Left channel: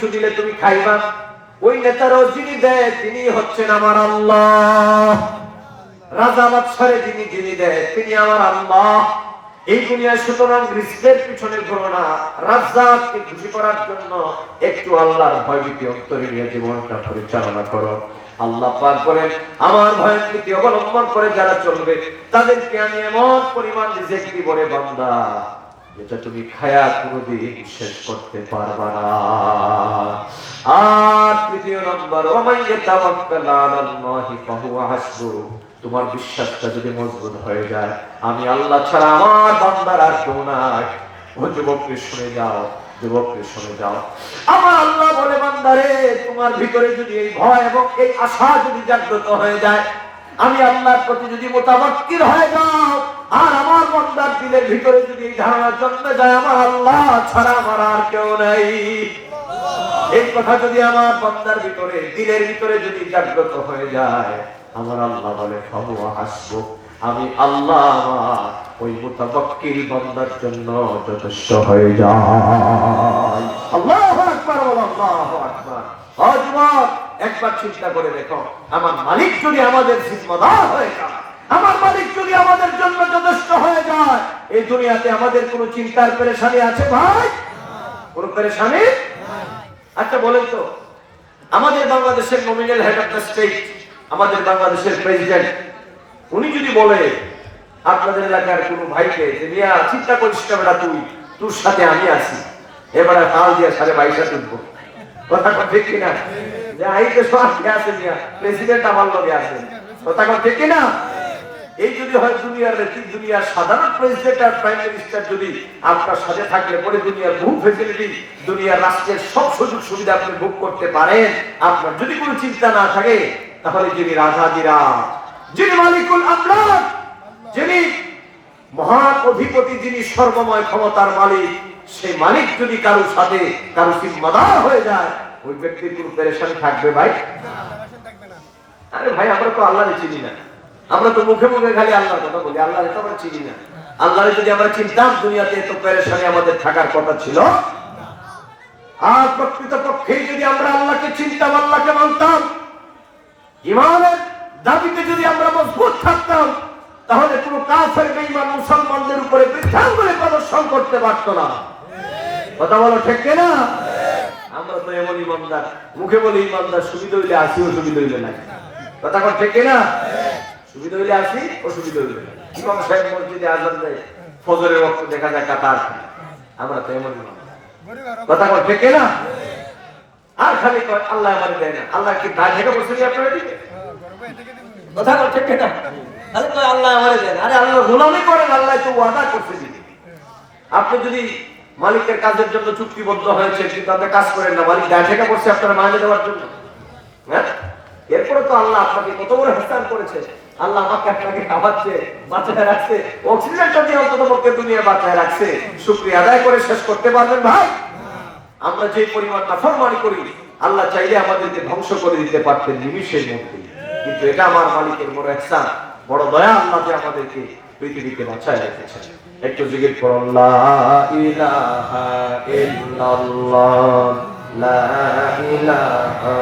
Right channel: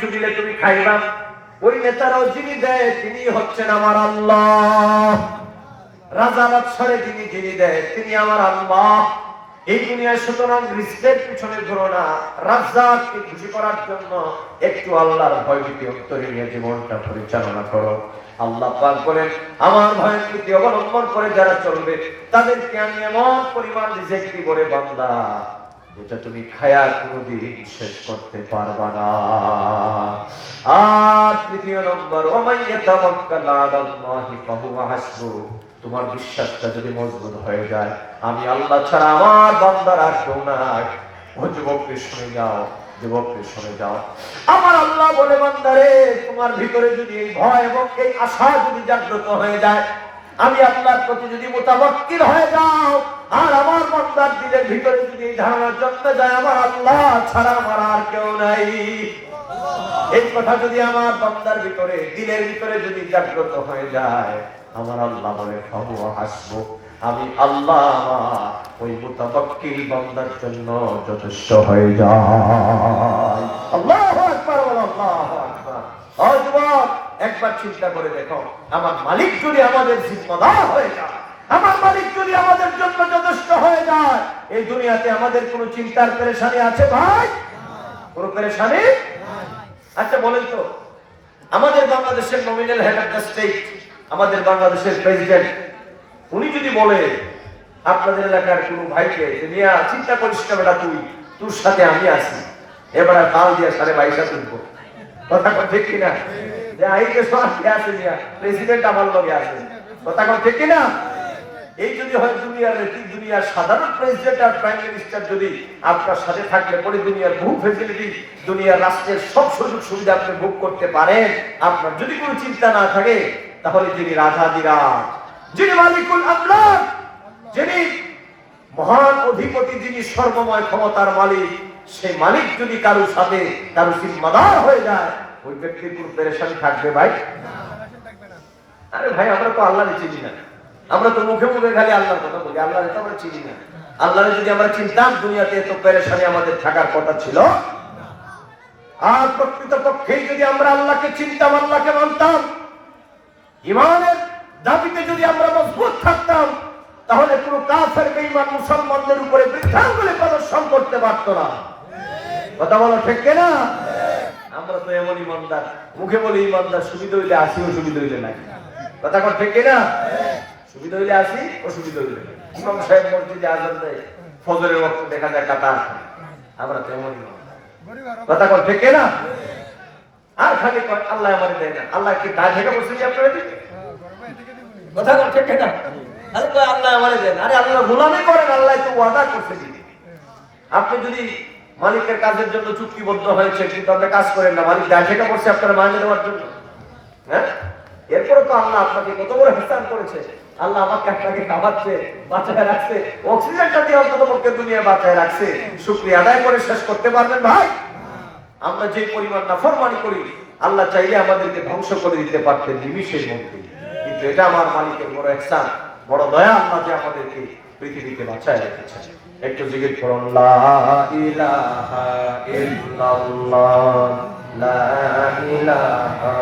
কিছু দিলে তুমি খাইবা, ওই নেতারও যিনি দেয় তিনি হচ্ছেন আমার আল্লাহ। রাজা বাদশারে যিনি দেয় তিনি আমার আল্লাহ। এই দুনিয়ায় সুতরাং রিস্কের পিছনে ঘুরো না, রাজ্জাককে খুশি করার জন্য একটু আল্লাহর ভয় ভীতি অন্তরে নিয়ে জীবনটা পরিচালনা করো। আল্লাহ পাক বলেন, আমার ভয় ভীতি অবলম্বন করে যারা চলবে তাদেরকে আমি এমন পরিমাণ রিজিক দিব রে বান্দা, যেটা তুমি খায়া কোনোদিন শেষ করতে পারবা না। আর তৃতীয় নম্বর, ওমাইয়া তাওয়াক্কাল আলাল্লাহি ফাহুয়া হাসবুহ। তোমার বিশ্বাসটা যদি মজবুত হয়ে যায়, আমি আল্লাহ ছাড়া আমার বান্দার আর কেউ নাই। ও যুবককে শুনে যাও, যুবককে শুনে যাও, আমার আল্লাহ বলে, বান্দারে তোমার ভিতরে যদি এই ভয় এবং এই আশা যদি জাগ্রত হয়ে যায়, আমি আল্লাহর প্রতি যদি মুতাওয়াক্কিল হয়ে যাও, আর আমার বান্দার দিলের ভিতরে যদি এই ধারণা জন্মে যায় আমার আল্লাহ ছাড়া আমার আর কেউ নাই, এই কথা যদি আমার বান্দার ভিতরে দিলের ভিতরে যদি জাগ্রত হয়ে যায়, আমার আল্লাহ বলে ফাহুয়া হাসবুহ, আমি আল্লাহ ওই মুতাওয়াক্কিল বান্দার জন্য যথেষ্ট হয়ে যায়। আল্লাহু আকবার, আল্লাহু আকবার। ও যুবক, একবার চিন্তা করে দেখো, আমার মালিক যদি আমাদের জিম্মাদার হয়ে যায়, আমার মালিক যদি আমাদের জন্য যথেষ্ট হয়ে যায়, এই দুনিয়াতে আমাদের কোনো চিন্তার পেরেশানি আছে ভাই? কোনো পেরেশানি? আচ্ছা বলেন তো, আমাদের বাংলাদেশের nominal head of the state, আমাদের বাংলাদেশের প্রেসিডেন্ট, উনি যদি বলে আপনাদের এলাকার কোন ভাইকে যে মিয়া চিন্তা করিস না বেটা, তোর সাথে আমি আছি, এবারে কাল দিয়ে 22.5 তুলবো, কথা ঠিক কিনা? যে আইতে সব আছে মিয়া, প্রেসিডেন্ট আমার লগে আছে, কথা ঠিক কিনা? এই যদি হয় দুনিয়ার নেত্রী, দুনিয়ার সাধারণ প্রেসিডেন্ট আর প্রাইম মিনিস্টার যদি আপনার সাথে থাকলে পরে দুনিয়ার বহু ফ্যাসিলিটি, দুনিয়ার রাষ্ট্রের সব সুযোগ সুবিধা আপনি ভোগ করতে পারেন, আপনার যদি কোনো চিন্তা না থাকে, তাহলে যিনি রাজাধিরাজ, যিনি মালিকুল আমলাক, যিনি মহান অধিপতি, যিনি সর্বময় ক্ষমতার মালিক, সেই মালিক যদি কারো সাথে কারো জিম্মাদার হয়ে যায়, ওই ব্যক্তির কোনো পেরেশানি থাকবে ভাই? আরে ভাই, আমরা তো আল্লাহরে চিনি না, আমরা তো মুখে মুখে খালি আল্লাহর কথা বলি, আল্লাহরে তো আমরা চিনি না। আল্লাহরে যদি আমরা চিনতাম, দুনিয়াতে এত পেরেশানি আমাদের থাকার কথা ছিল? আর প্রকৃতপক্ষে যদি আমরা আল্লাহকে চিনতাম, আল্লাহকে মানতাম, ঈমানের দাবিতে যদি আমরা মজবুত থাকতাম, তাহলে কোনো কাফের বেঈমান মুসলমানদের উপরে বৃদ্ধাঙ্গুলি প্রদর্শন করতে পারত না। কথা বলো ঠিক কিনা? আমরা তো এমন ইমানদার, মুখে বলি ইমানদার, সুবিধা হইলে আসি, অসুবিধা হইলে নাই। কথা ঠিক কিনা? সুবিধা হইলে আসি, অসুবিধা হইলে নাই। ইমাম সাহেব মসজিদে আযান দেয়, ফজরের ওয়াক্তে দেখা যায় কাতার, আমরা তো এমন ইমানদার। কথা ঠিক কিনা? আর খালি কয় আল্লাহ আমারে দেয় না, আল্লাহ কি দায় থেকে বসে দিয়ে আপনারা দিবে? কথা ঠিক কিনা? আরে কয় আল্লাহ আমারে দেয় না, আরে আল্লাহ গোলামি করেন, আল্লাহ তো ওয়াদা করতে দিবে। আপনি যদি মালিকের কাজের জন্য চুক্তিবদ্ধ হয়েছে, কিন্তু আপনি কাজ করেন না, মালিক দায় থেকে বসে আপনারা মাইনে দেওয়ার জন্য, হ্যাঁ? এরপরে তো আল্লাহ আপনাকে কত বড় ইহসান করেছে, আল্লাহ আমাকে আপনাকে খাওয়াচ্ছে, বাঁচায় রাখছে, অক্সিজেনটা দিয়ে অন্তত পক্ষে দুনিয়া বাঁচায় রাখছে, শুকরিয়া আদায় করে শেষ করতে পারবেন ভাই? আমরা যে পরিমাণ নাফরমানি করি, আল্লাহ চাইলে আমাদেরকে ধ্বংস করে দিতে পারতেন নিমিষের মধ্যে, কিন্তু এটা আমার মালিকের বড় ইহসান, বড় দয়া, আল্লাহ যে আমাদেরকে পৃথিবীতে বাঁচায় রেখেছেন। একটু জিকির করুন, লা ইলাহা ইল্লাল্লাহ, লা ইলাহা